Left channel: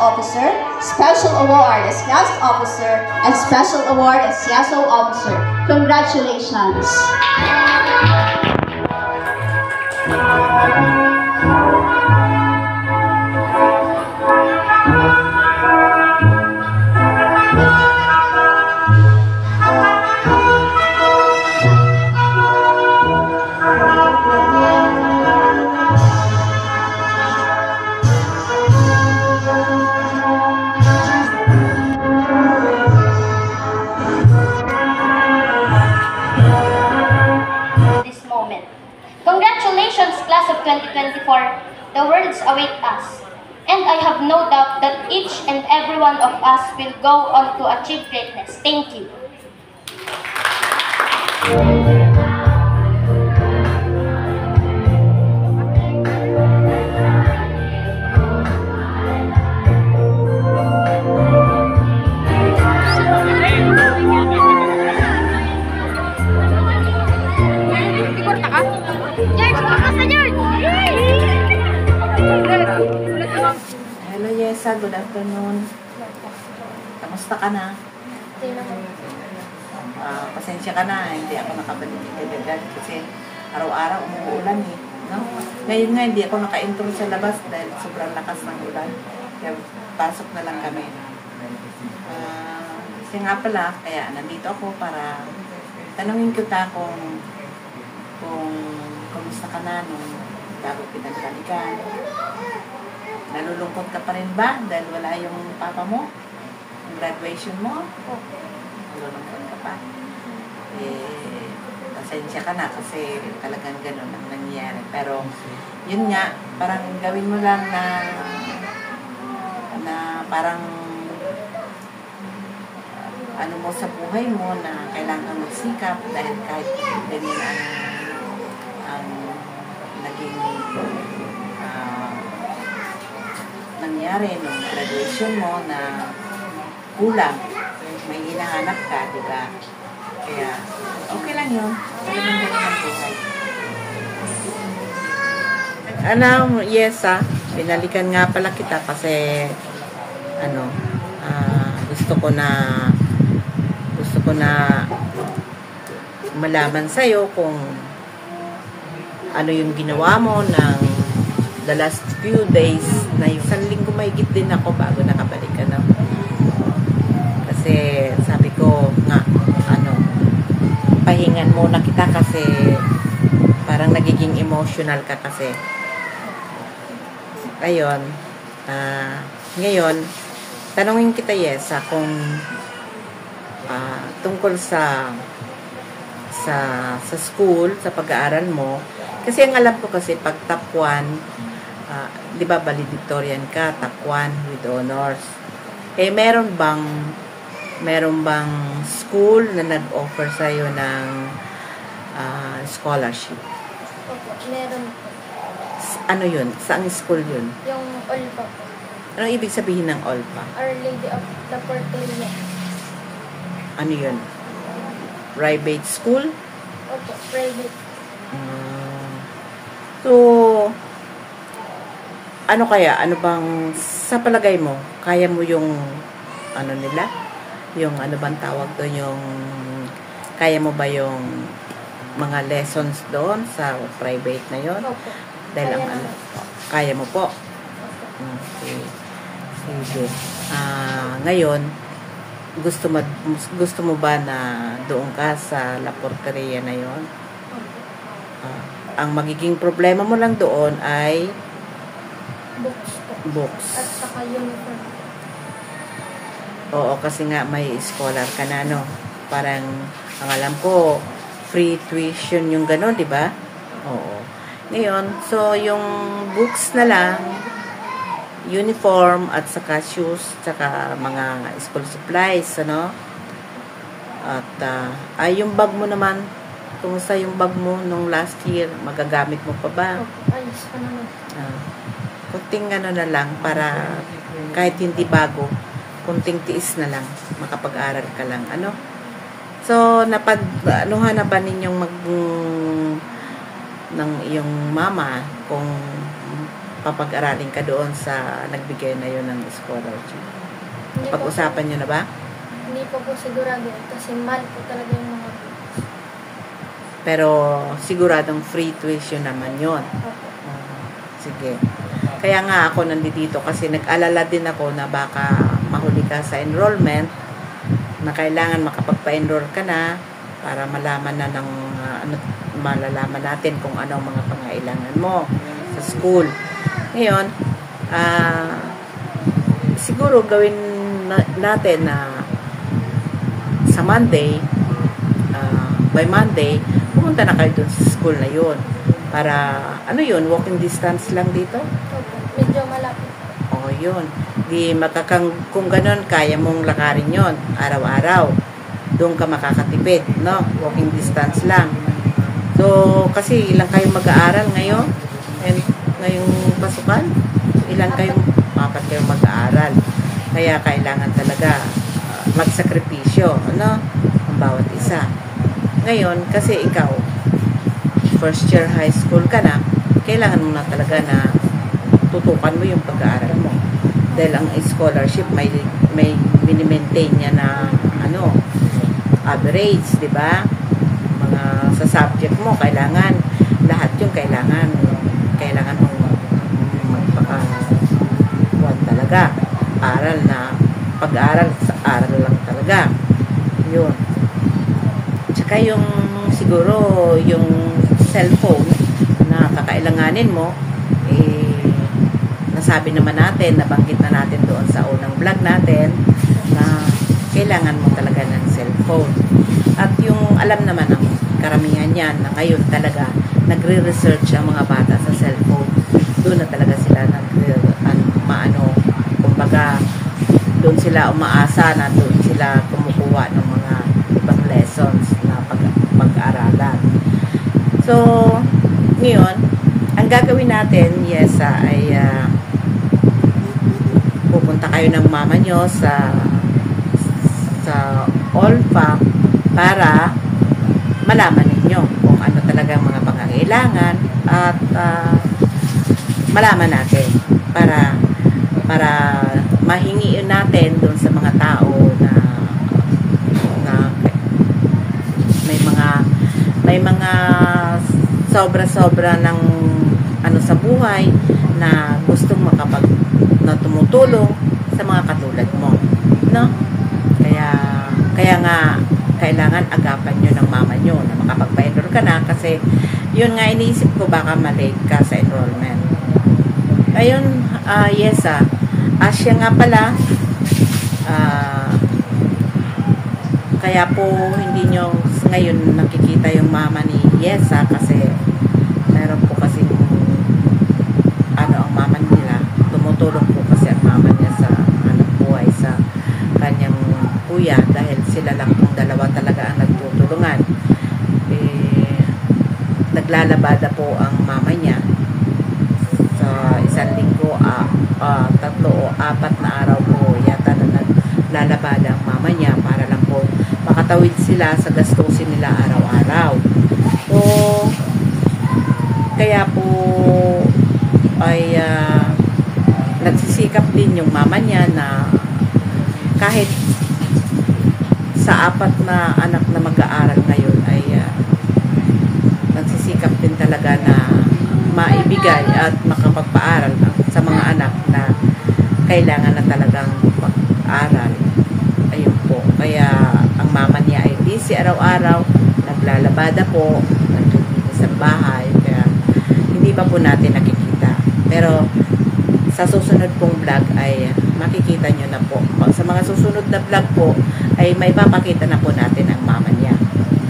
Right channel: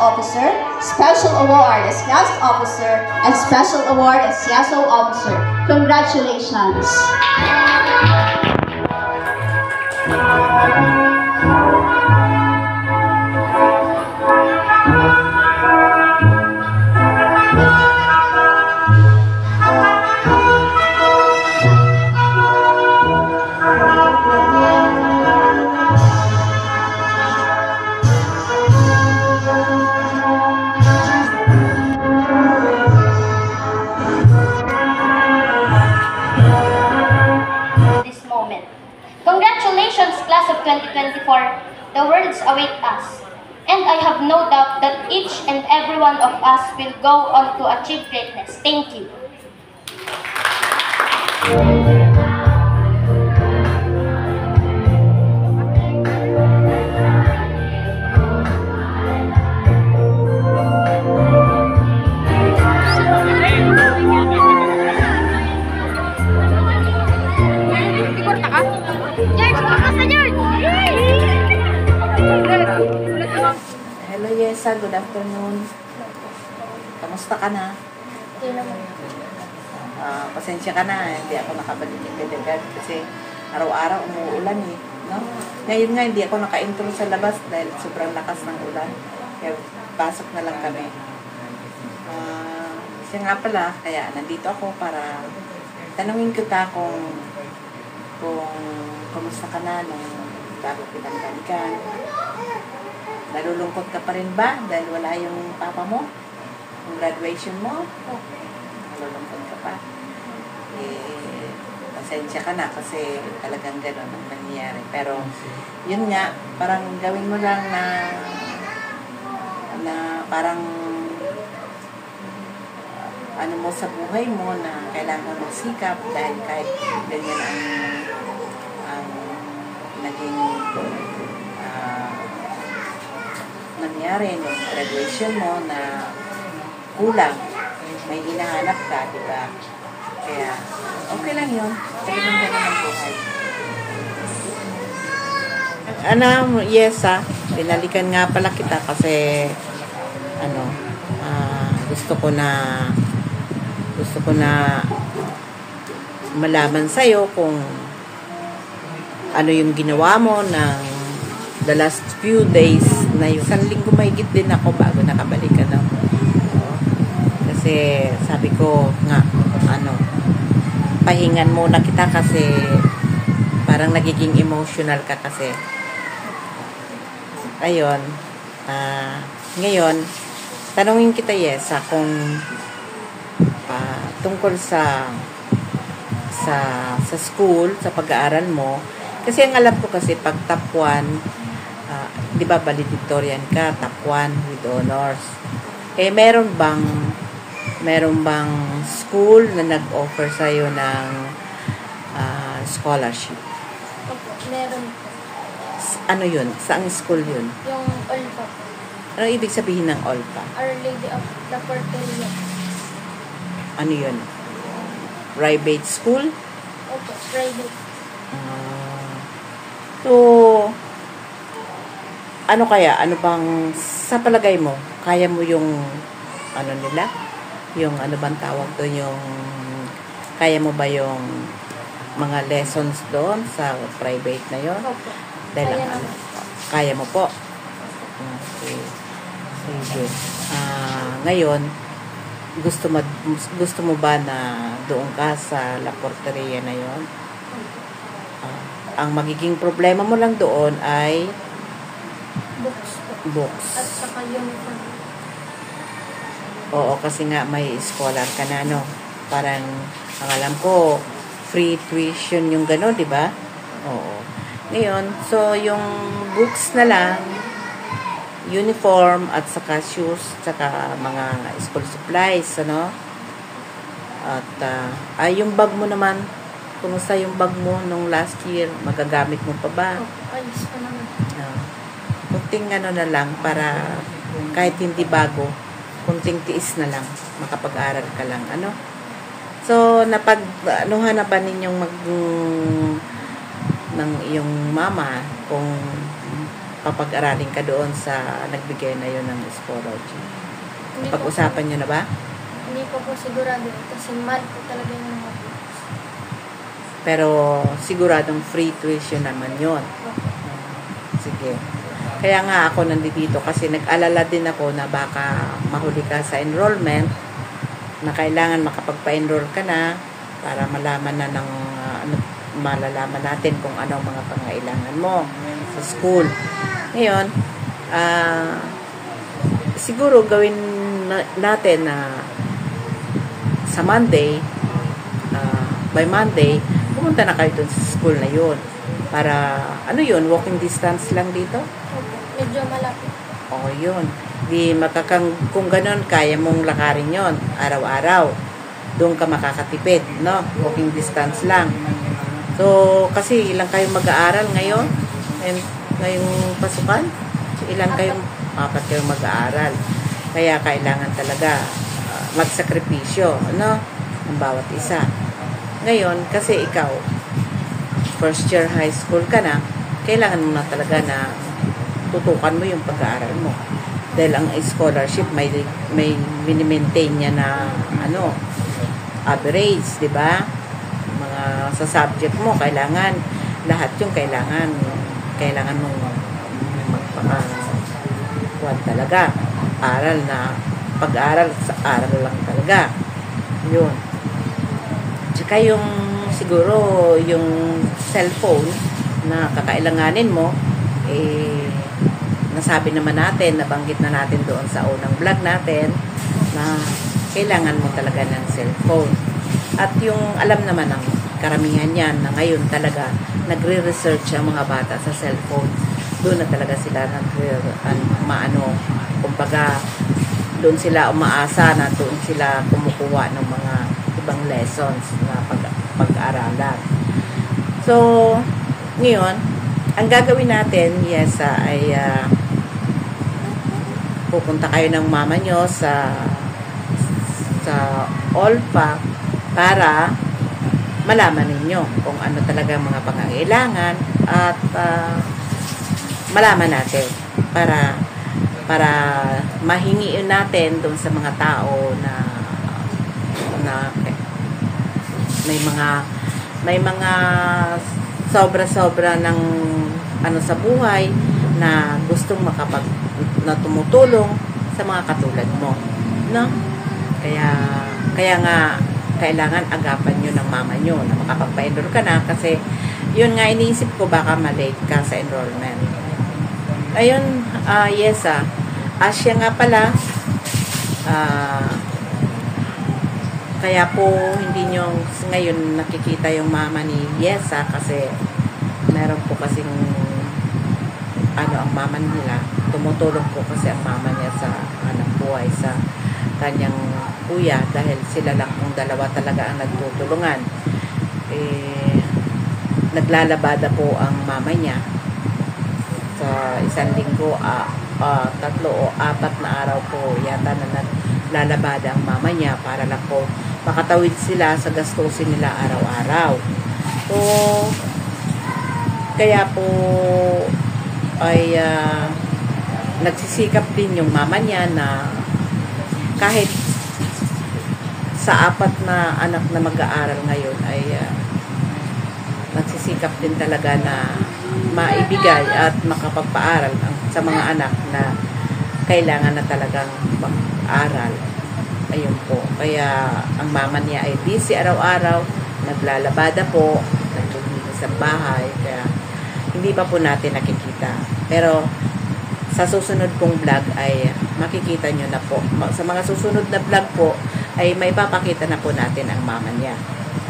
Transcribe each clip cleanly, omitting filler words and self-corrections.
Officer, Special Award as Class Officer, and Special Award as CSO Officer. Congratulations! Congratulations, class of 2024. The worlds await us. And I have no doubt that each and every one of us will go on to achieve greatness. Thank you. Hello Yesa, good afternoon. Kamusta ka na? Pasensya ka na, hindi ako nakabalik agad kasi araw-araw umuulan eh. No? Ngayon nga hindi ako naka-intro sa labas dahil sobrang lakas ng ulan. Kaya pasok na lang kami. Kasi nga pala, kaya nandito ako para tanungin kita kung kamusta ka na nung bago pinangbalikan. Nalulungkot ka pa rin ba dahil wala yung papa mo? Yung graduation mo? Nalulungkot ka pa? Pasensya ka na kasi talagang gano'n ang nangyayari. Pero yun nga, parang gawin mo lang na parang ano mo sa buhay mo na kailangan magsikap dahil kahit ganyan ang naging nangyari nung graduation mo na kulang, may hinahanap ka, diba? Kaya, okay lang yun. Talagang ganun ang buhay. Yesa, pinalikan nga pala kita kasi gusto ko na malaman sa'yo kung ano yung ginawa mo ng the last few days na yung 1 linggo mahigit din ako bago nakabalik ka na. Kasi sabi ko nga, pahingan muna kita kasi parang nagiging emotional ka kasi. Ayun, ngayon, tanungin kita Yesa kung tungkol sa school, sa pag-aaral mo. Kasi ang alam ko kasi pag top 1, di ba valedictorian ka, top 1 with honors. Meron bang school na nag-offer sa'yo ng scholarship? Opo, meron po. Ano yun? Saang school yun? Yung OLPA po. Anong ibig sabihin ng OLPA? Our Lady of the Porteria. Ano yun? Private school? Opo, private. So, ano kaya? Ano bang, sa palagay mo, kaya mo yung, nila? Yung, bang tawag doon, yung, kaya mo ba yung mga lessons doon sa private na yon? Opo. Dahil kaya mo po? Okay. Sige. Ngayon, gusto mo ba na doon ka sa La Porteria na yon? Ang magiging problema mo lang doon ay books. At saka uniform. Oo, kasi nga may scholar ka na, no? Parang, ang alam ko, free tuition yung gano'n, di ba? Oo. Ngayon, so, yung books na lang, uniform, at saka shoes, saka mga school supplies, ano? At, yung bag mo naman, kumusta yung bag mo nung last year? Magagamit mo pa ba? Ayos pa naman. Kunting na lang para kahit hindi bago, kunting tiis na lang, makapag-aral ka lang, ano? So, napag-anuhan na ba ninyong ng iyong mama kung papag-aralin ka doon sa nagbigay na yon ng scholarship? Hindi Pag-usapan nyo na ba? Hindi po sigurado kasi mahal po talaga yung mga books. Pero siguradong free tuition naman yon. Opo. Sige. Kaya nga ako nandito kasi nag-alala din ako na baka mahuli ka sa enrollment, na kailangan makapagpa-enroll ka na para malaman na ng malalaman natin kung ano ang mga pangailangan mo sa school. Ngayon, siguro gawin natin na sa Monday, by Monday, pumunta na kayo dun sa school na yun. Para, walking distance lang dito? Opo. Medyo malapit. O, yun. Kung ganun, kaya mong lakarin yon araw-araw. Doon ka makakatipid, no? Walking distance lang. So, kasi ilang kayong mag-aaral ngayon? And ngayong pasukan? Ilan kayong, 4 kayong mag-aaral. Kaya kailangan talaga magsakripisyo, no? Ang bawat isa. Ngayon, kasi ikaw, first year high school ka na, kailangan mo na talaga na tutukan mo yung pag-aaral mo. Dahil ang scholarship may mini-maintain niya na average, di ba? Mga sa subject mo, kailangan lahat yung kailangan mong magpaka-kuwan talaga. Pag-aaral sa aral lang talaga. Yun. Tsaka yung siguro yung cellphone na kakailanganin mo, nasabi naman natin, nabanggit na natin doon sa unang vlog natin na kailangan mo talaga ng cellphone. At yung alam naman ng karamihan yan na ngayon talaga nagre-research ang mga bata sa cellphone. Doon na talaga sila kumbaga doon sila umaasa na doon sila kumukuha ng mga ibang lessons na pag-aaralan. So, ngayon, ang gagawin natin, ay pupunta kayo ng mama nyo sa OLPAC para malaman ninyo kung ano talaga ang mga pangangailangan at malaman natin para mahingi natin doon sa mga tao na may mga sobra-sobra ng sa buhay na gustong na tumutulong sa mga katulad mo, no? Kaya nga kailangan agapan nyo ng mama nyo na makapagpa-enroll ka na kasi yun nga iniisip ko baka malate ka sa enrollment. Ayun, Asya nga pala, kaya po hindi nyo ngayon nakikita yung mama ni Yesa kasi meron po kasing ang mama nila, tumutulong po kasi ang mama niya sa anak buhay sa kanyang kuya dahil sila lang pong dalawa talaga ang nagtutulungan. Naglalabada po ang mama niya sa isang linggo, 3 o 4 na araw po yata na naglalabada ang mama niya para lang po makatawid sila sa gastusin nila araw-araw. So, kaya po ay nagsisikap din yung mama niya na kahit sa 4 na anak na mag-aaral ngayon ay nagsisikap din talaga na maibigay at makapagpaaral sa mga anak na kailangan na talagang mag-aral. Ayun po. Kaya ang mama niya ay busy araw-araw, naglalabada po, naglilinis sa bahay, kaya hindi pa po natin nakikita. Pero sa susunod pong vlog ay makikita nyo na po. Sa mga susunod na vlog po ay may papakita na po natin ang mama niya.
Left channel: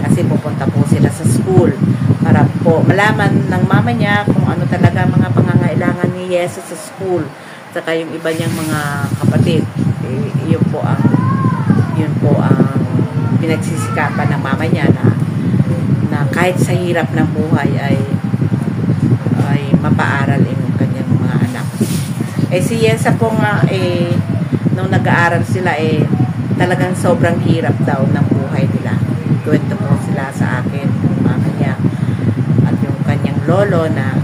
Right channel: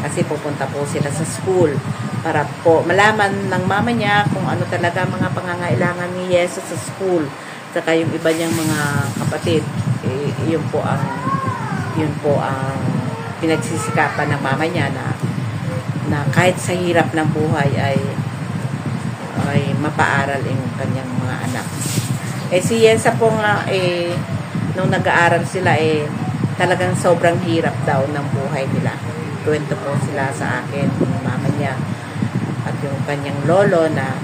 Kasi pupunta po sila sa school para po malaman ng mama niya kung ano talaga mga pangangailangan ni Yeso sa school. Saka yung iba niyang mga kapatid, yun po ang pinagsisikapan ng mama niya na kahit sa hirap ng buhay ay mapaaral yung kanyang mga anak. Si Yesa po nga nung nag-aaral sila talagang sobrang hirap daw ng buhay nila. Kwento po sila sa akin, yung mama niya at yung kanyang lolo na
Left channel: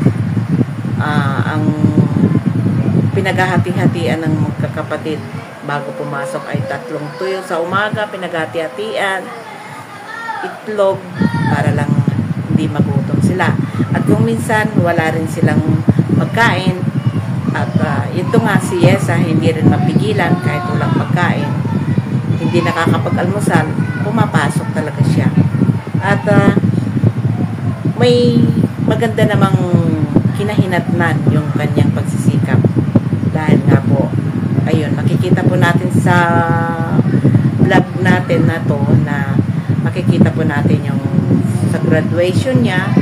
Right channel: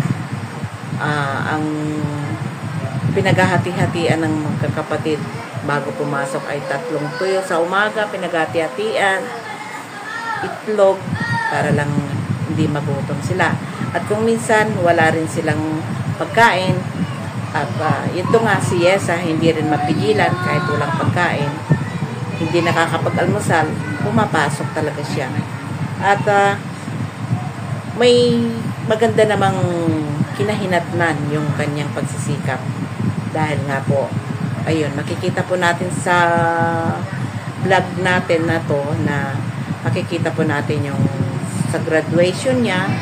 ang pinaghahati-hatian ng magkakapatid. Bago pumasok ay 3 tuyo sa umaga, pinaghati-hatian, itlog, para lang hindi magutom sila. At kung minsan wala rin silang pagkain, at ito nga si Yesa, hindi rin mapigilan kahit walang pagkain, hindi nakakapag-almusal, pumapasok talaga siya. At may maganda namang kinahinatnan yung kanyang pagsisikap. Dahil nga po, ayun, makikita po natin sa vlog natin na to, na makikita po natin yung sa graduation niya.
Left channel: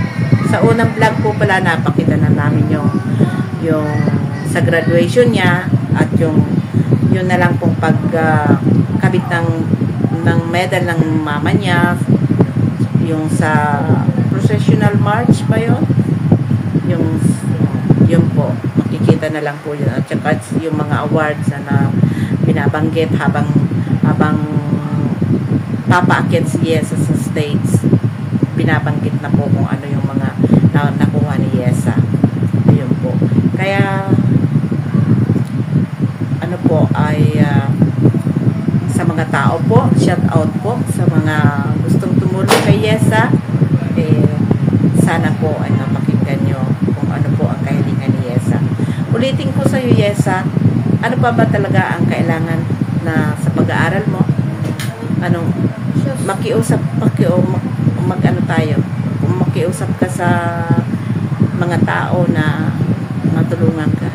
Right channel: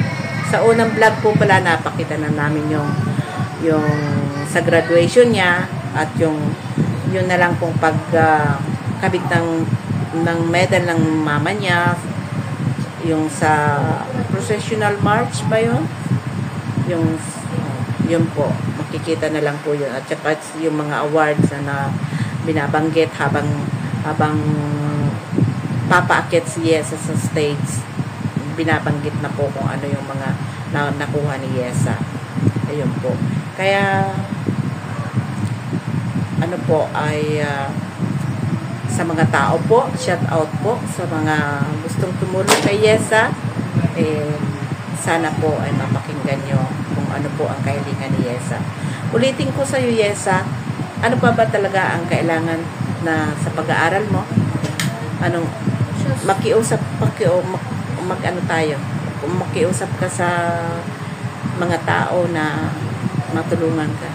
Sa unang vlog po pala, napakita na namin yung sa graduation niya, at yun na lang pong pagkabit ng medal ng mama niya, yung sa processional march ba yun? Yun po, makikita na lang po yun. At saka yung mga awards na binabanggit habang papaakyat si Yesa sa stage, binabanggit na po kung ano yung mga nakuha ni Yesa. Ayun po. Kaya ano po ay sa mga tao po, shout out po sa mga gustong tumulong kay Yesa, sana po ay mapakinggan nyo kung ano po ang kahilingan ni Yesa. Ulitin ko sa iyo, Yesa, ano pa ba talaga ang kailangan na sa pag-aaral mo? Anong makiusap mag-ano tayo? Kung makiusap ka sa mga tao na matulungan ka.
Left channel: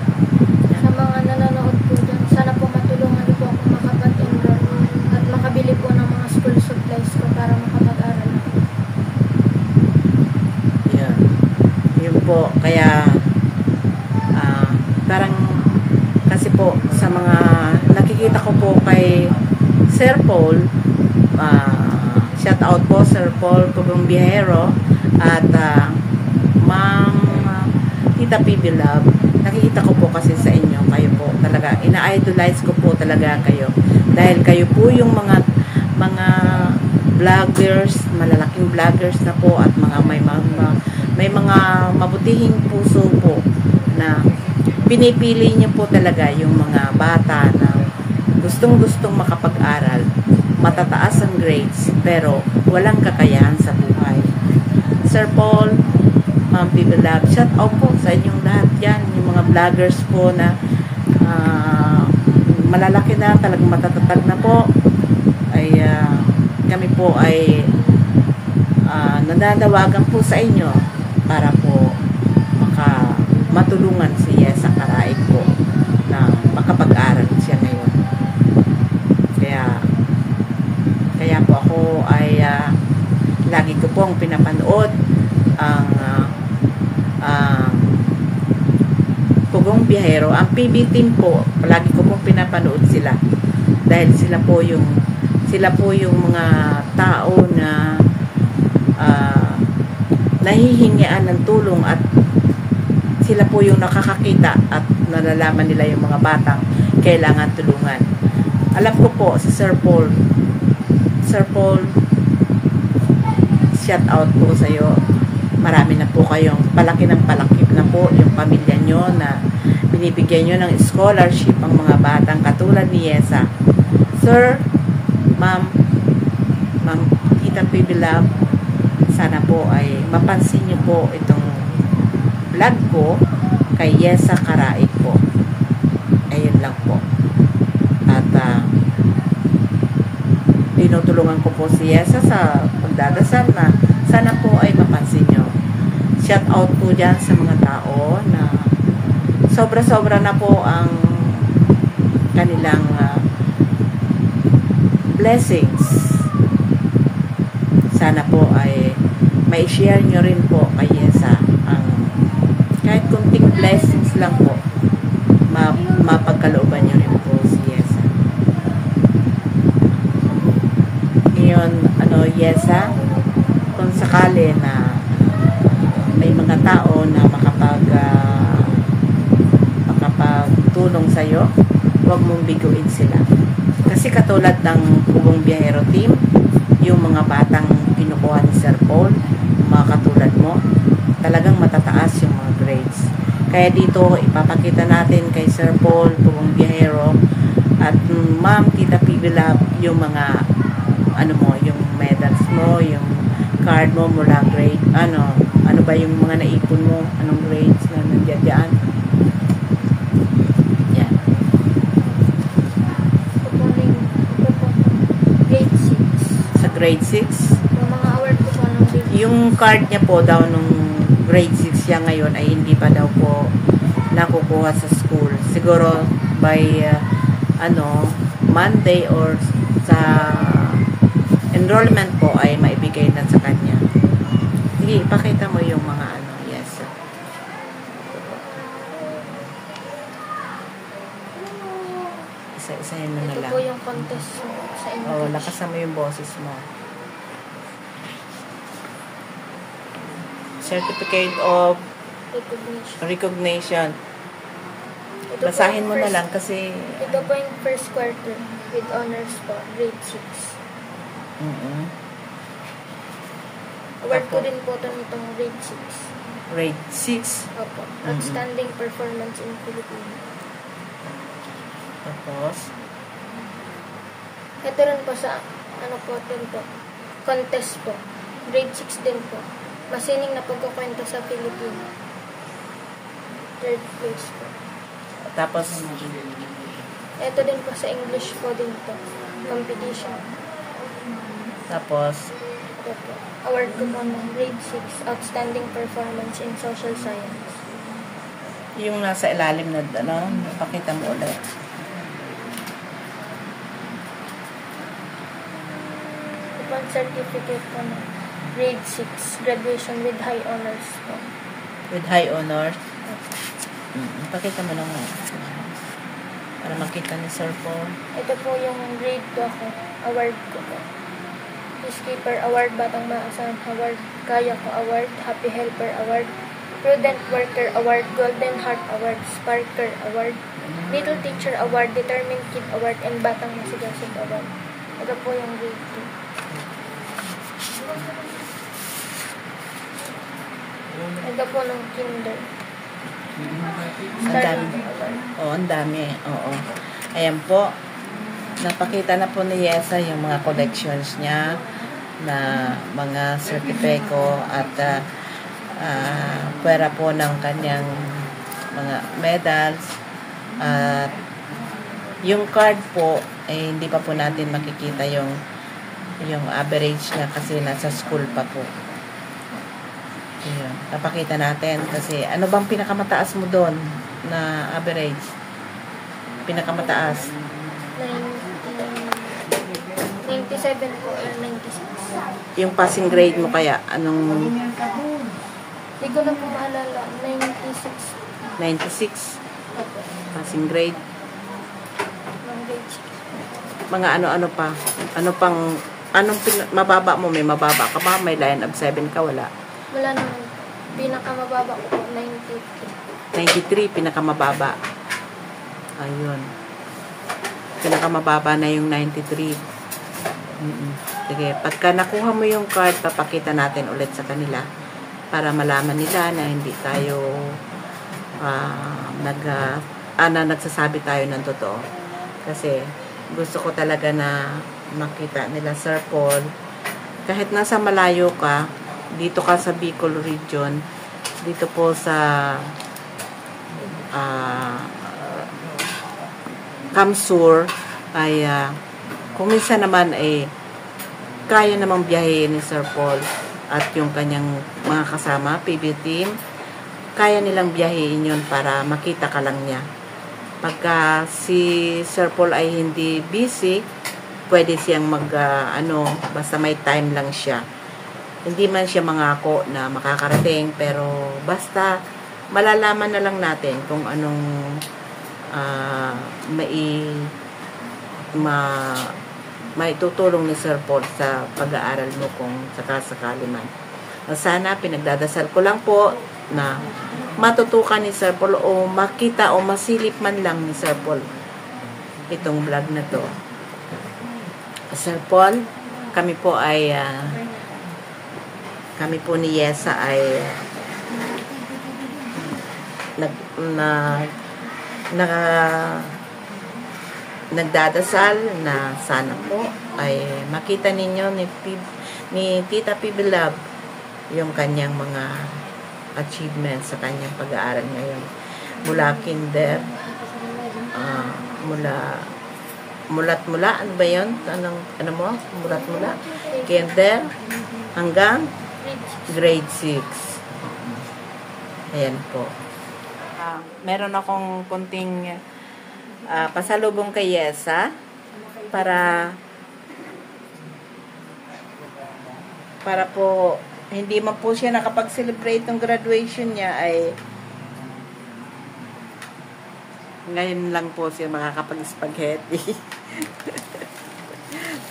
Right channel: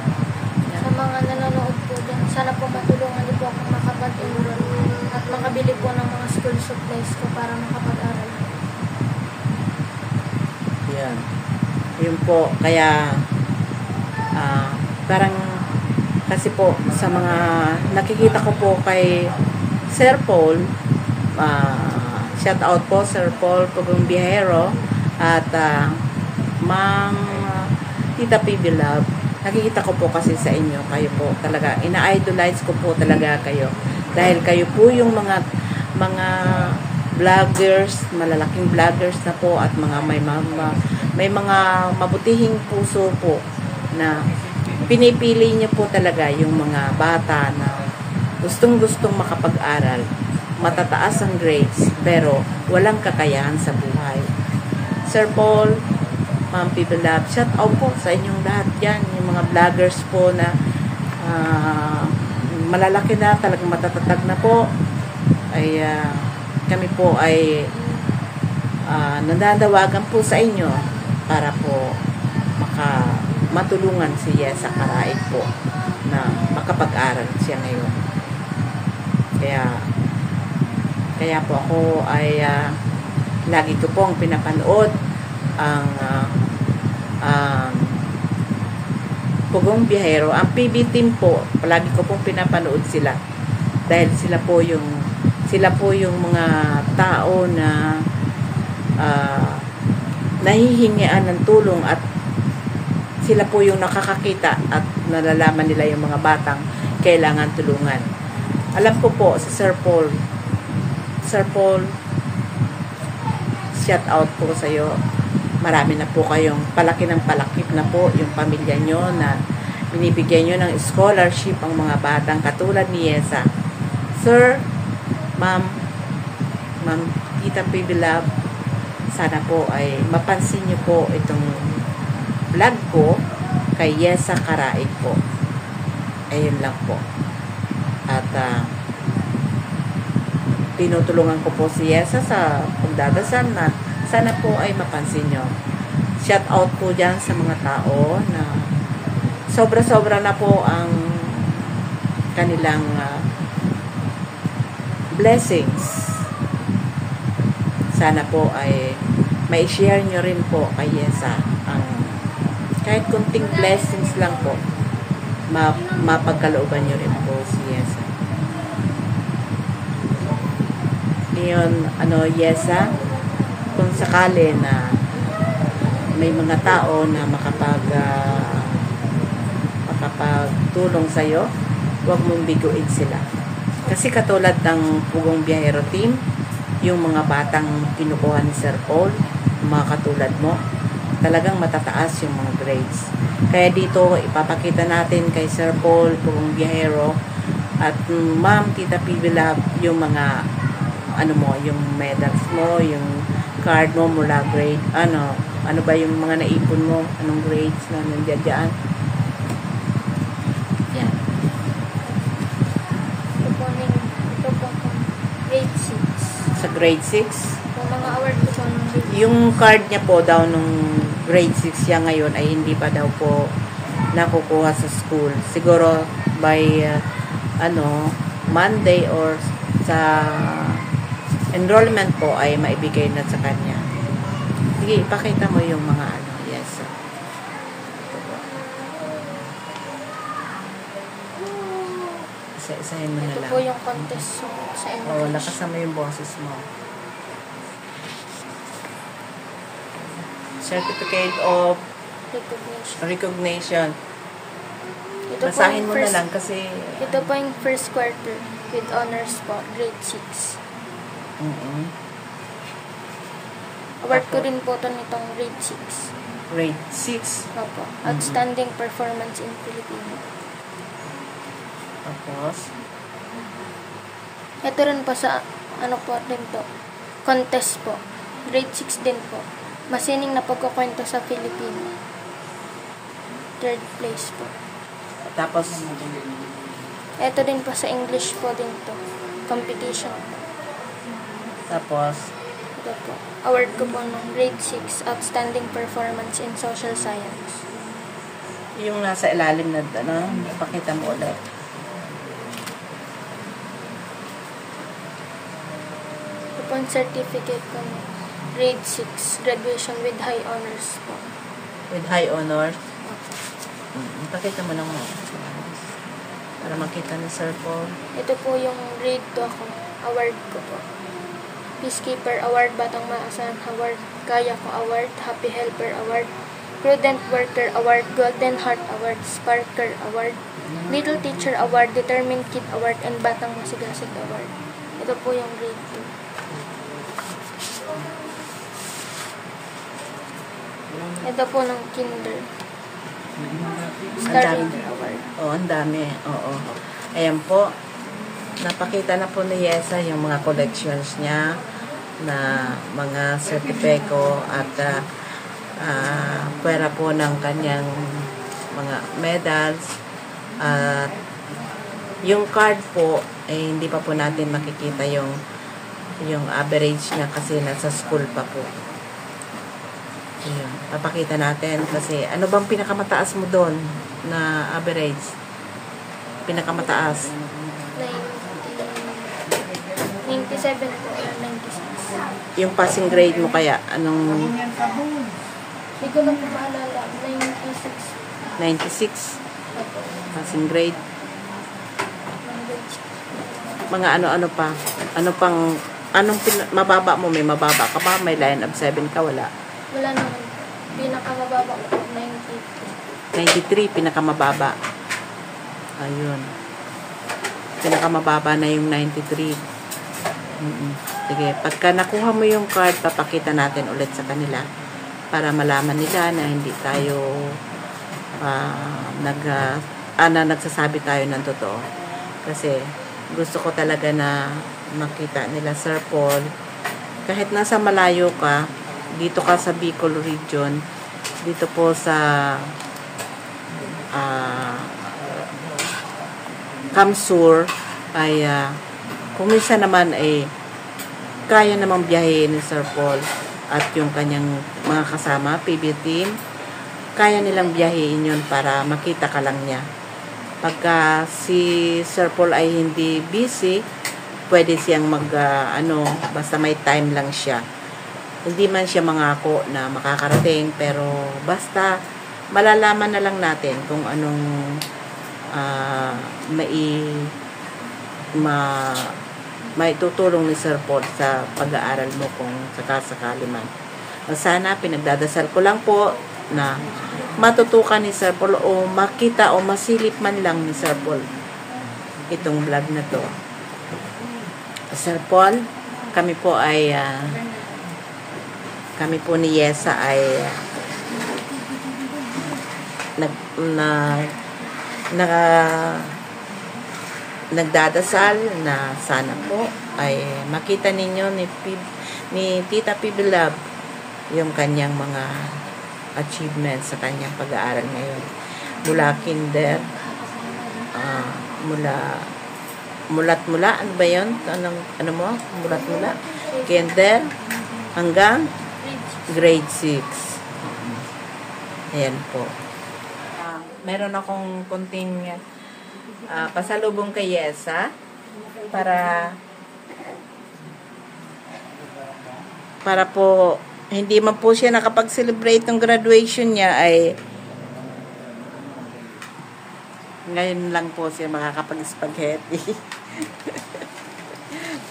Sa mga nanonood po dyan, sana po matulungan niyo po ako makapag-enroll at makabili po ng mga school supplies ko para makapag-aral ako. Yan. Yun po, kaya parang kasi po sa mga nakikita ko po kay Sir Paul, shout out po Sir Paul Pugong Biyahero at Ma'am Tita PB Love, nakikita ko po kasi sa inyo, kayo po talaga, ina-idolize ko po talaga kayo dahil kayo po yung mga vloggers, malalaking vloggers na po, at may mga mabutihing puso po na pinipili niyo po talaga yung mga bata na gustong-gustong makapag-aral, matataas ang grades, pero walang kakayahan sa buhay. Sir Paul, Ma'am People Love, shout out po sa inyong lahat yan, yung mga vloggers po na malalaki na, talagang matatatag na po, ay kami po ay nananawagan po sa inyo para po matulungan si Yesa Karaig po na makapag-aral siya ngayon. Kaya po ako ay lagi ko pong pinapanood ang Pugong Biyahero, ang PB team po, palagi ko pong pinapanood sila dahil sila po yung mga tao na nahihingian ng tulong, at sila po yung nakakakita at nalalaman nila yung mga batang kailangan tulungan. Alam ko po si Sir Paul, shout out po sa iyo. Marami na po kayong palaki ng palaki na po yung pamilya nyo na binibigyan nyo ng scholarship ang mga batang katulad ni Yesa. Sir, Ma'am Tita PB Love, sana po ay mapansin nyo po itong vlog ko kay Yesa Karaig po. Ayun lang po. At tinutulungan ko po si Yesa sa pagdadasal na sana po ay mapansin nyo. Shout out po dyan sa mga tao na sobra-sobra na po ang kanilang blessings. Sana po ay may share nyo rin po kay Yesa ang kahit kunting blessings lang po, mapagkalooban nyo rin po si Yesa. Ngayon, Yesa, kung sakali na may mga tao na makapagtulong sa'yo, huwag mong biguin sila. Kasi katulad ng Pugong Biyahero team, yung mga batang kinukuha ni Sir Paul, mga katulad mo, talagang matataas yung mga grades. Kaya dito, ipapakita natin kay Sir Paul, Pugong Biyahero, at Ma'am Tita PB Lab, yung mga, ano mo, yung medals mo, yung card mo mula grade, ano ba yung mga naipon mo, anong grades na nandiyan dyan. Yan. Ito po, grade 6. Sa grade 6, Yung mga award ko po ng grade 6. yung card niya po daw nung grade 6 siya ngayon ay hindi pa daw po nakukuha sa school. Siguro by Monday or sa enrollment po ay maibigay na sa kanya. Sige, ipakita mo yung mga yes. Ito po. Isa-isahin mo na Ito lang. po yung contest sa English. Lakasan mo yung boses mo. Certificate of recognition. Ito Basahin po mo yung na lang kasi Ito po yung first quarter with honors po, grade 6. Award ko Opo. din po itong grade 6. grade 6. Opo. Outstanding performance in Filipino. Tapos, Ito rin po sa, din po, contest po. Grade 6 din po. Masining na pagkukwento sa Filipino. 3rd place po. tapos, Ito din po sa English po din to. Competition. tapos, Ito po. Award ko po ng grade 6, Outstanding Performance in Social Science. yung nasa ilalim na, pakita mo ulit. Ito po ang certificate po ng grade 6, Graduation with High Honors po. With high honors. Pakita mo naman. Para makita ni Sir Paul. Ito po yung grade 2 ko. Award ko po. Peacekeeper Award, Batang Maasahan Award, Kaya Ko Award, Happy Helper Award, Prudent Worker Award, Golden Heart Award, Sparker Award, Little Teacher Award, Determined Kid Award, and Batang Masigasig Award. Ito po yung grade 2. Ito po ng kinder. Ang dami. Award. Ang dami. Oo. Ayan po. Napakita na po ni Yesa yung mga collections niya na mga sertipiko at pwera po ng kanyang mga medals. At yung card po, hindi pa po natin makikita yung average niya kasi nasa school pa po. Ayun. Napakita natin kasi ano bang pinakamataas mo doon na average? Pinakamataaas. 97 po or 96. Yung passing grade mo kaya, anong Hindi ko na po maalala. 96. 96 Opo. passing grade? Ng grade Mga ano-ano pa? Ano pang, mababa mo? May mababa ka ba? May line of 7 ka? Wala. Wala naman po. Pinakamababa ko po, 93. 93, pinakamababa. Ayun. Pinakamababa na yung 93. Sige, pagka nakuha mo yung card, papakita natin ulit sa kanila para malaman nila na hindi tayo nagsasabi tayo ng totoo. Kasi gusto ko talaga na makita nila Sir Paul. Kahit nasa malayo ka, dito ka sa Bicol region, dito po sa Kamsur, ay kung minsan naman ay kaya namang biyahe ni Sir Paul at yung kanyang mga kasama, PB team, kaya nilang biyahein yun para makita ka lang niya. Pagka si Sir Paul ay hindi busy, pwede siyang basta may time lang siya. Hindi man siya mangako na makakarating, pero basta malalaman na lang natin kung anong maitutulong ni Sir Paul sa pag-aaral mo kung sakasakali man. Sana pinagdadasal ko lang po na matutukan ni Sir Paul o makita o masilip man lang ni Sir Paul itong vlog na to. Sir Paul, kami po ni Yesa ay nagdadasal na sana po ay makita ninyo ni Tita Pibilab yung kanyang mga achievements sa kanyang pag-aaral ngayon. Mula kinder, mulat-mula, ano ba yun? Ano mo? Mulat-mula? Kinder hanggang grade 6. Ayan po. Meron akong konting pasalubong kay Yesa para po hindi man po siya nakapag-celebrate ng graduation niya, ay ngayon lang po siya makakapag-spaghetti.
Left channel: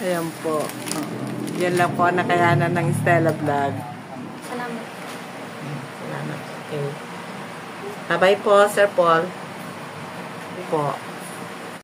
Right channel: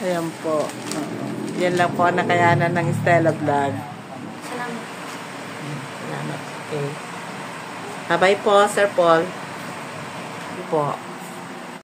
Ayan po. Yan lang po ang nakayanan ng Stella Vlog. Salamat. Salamat. Okay. Bye-bye po, Sir Paul. Po.